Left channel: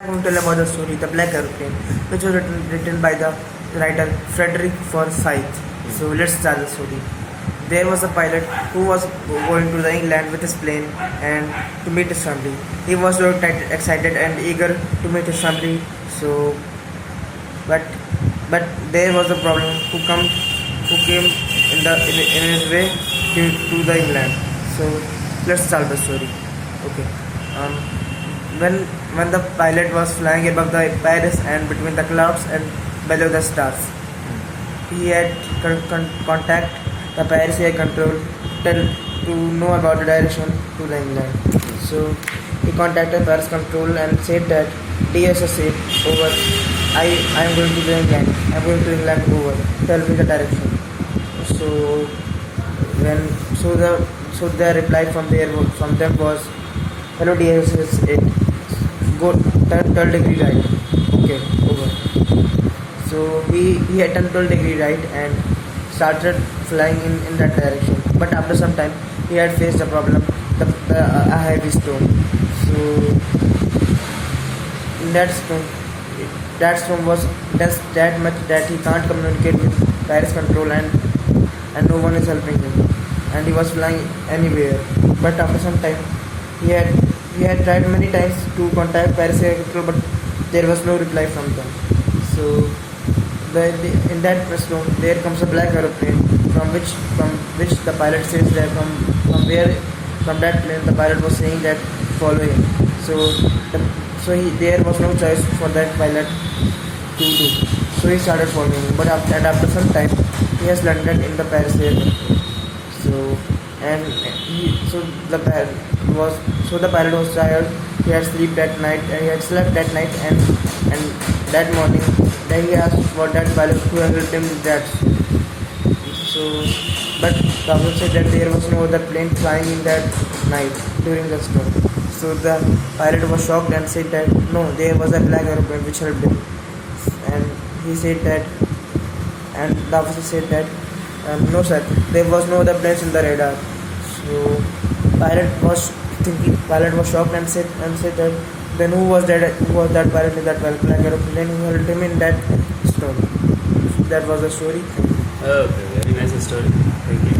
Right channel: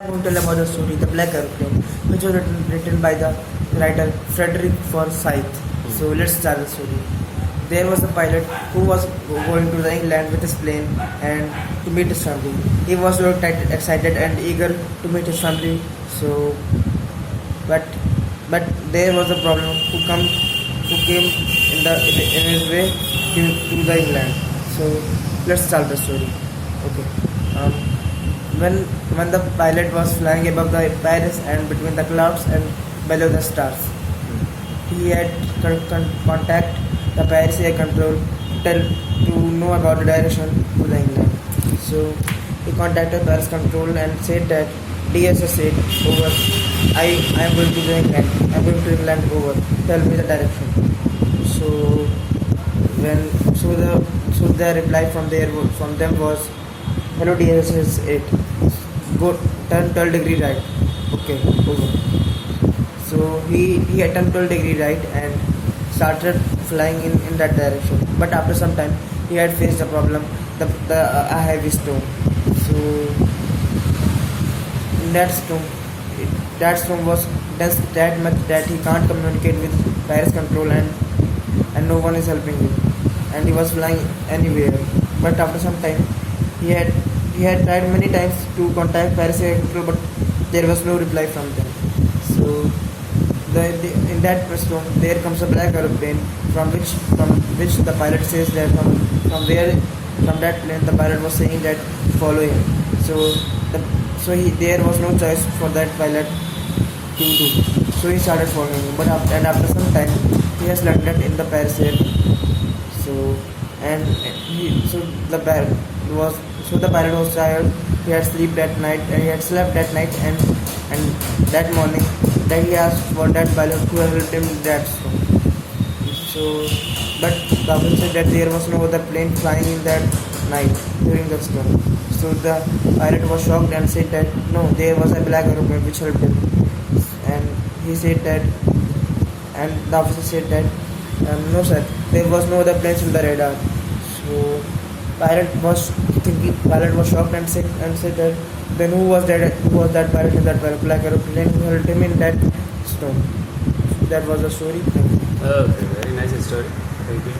I'm going to tell about the story, The Black Aeroplane, which was written by the writer Frederick Forsyth. So let's start the story. There was a pilot who was going to the England with his plane and to meet his family. He was so excited and eager to meet his family. So, but there was a problem who came in his way to the England. So let's start the story. Okay. When the pilot was flying above the Paris and between the clouds and below the stars, he had contact the Paris air control to know about the direction to the England. So he contacted Paris control and said that DSS said over. I am going to the England. I am going to England over. Tell me the direction. So the reply from them was, hello DSS 8. Go turn 12 degree right. Okay, over. So he had turned 12 degree right and started flying in that direction. But after some time, he had faced the problem, a heavy storm. So in that storm was dense that much that he can't communicate with Paris control and no one is helping him. And he was flying anywhere. But after some time, he had tried many times to contact Paris air control, but there was no reply from them. So in that storm, there comes a black aeroplane from which the pilot says that from that plane the pilot was saying that follow him. There was no choice for that pilot to do. So he started following him. But after some time, he has landed in the Paris air. The pilot was tired. He had slept that night and that morning then he asked for that pilot who had helped him in that. But the officer said that there was no other plane flying in that night during the storm. So the pilot was shocked and said that no, there was a black aeroplane which helped him. And he said that, and the officer said that no sir, there was no other planes in the radar. So pilot was shocked and said that then who was that pilot in that black aeroplane who helped him in that storm. That was the story. Okay, very nice story. Thank you.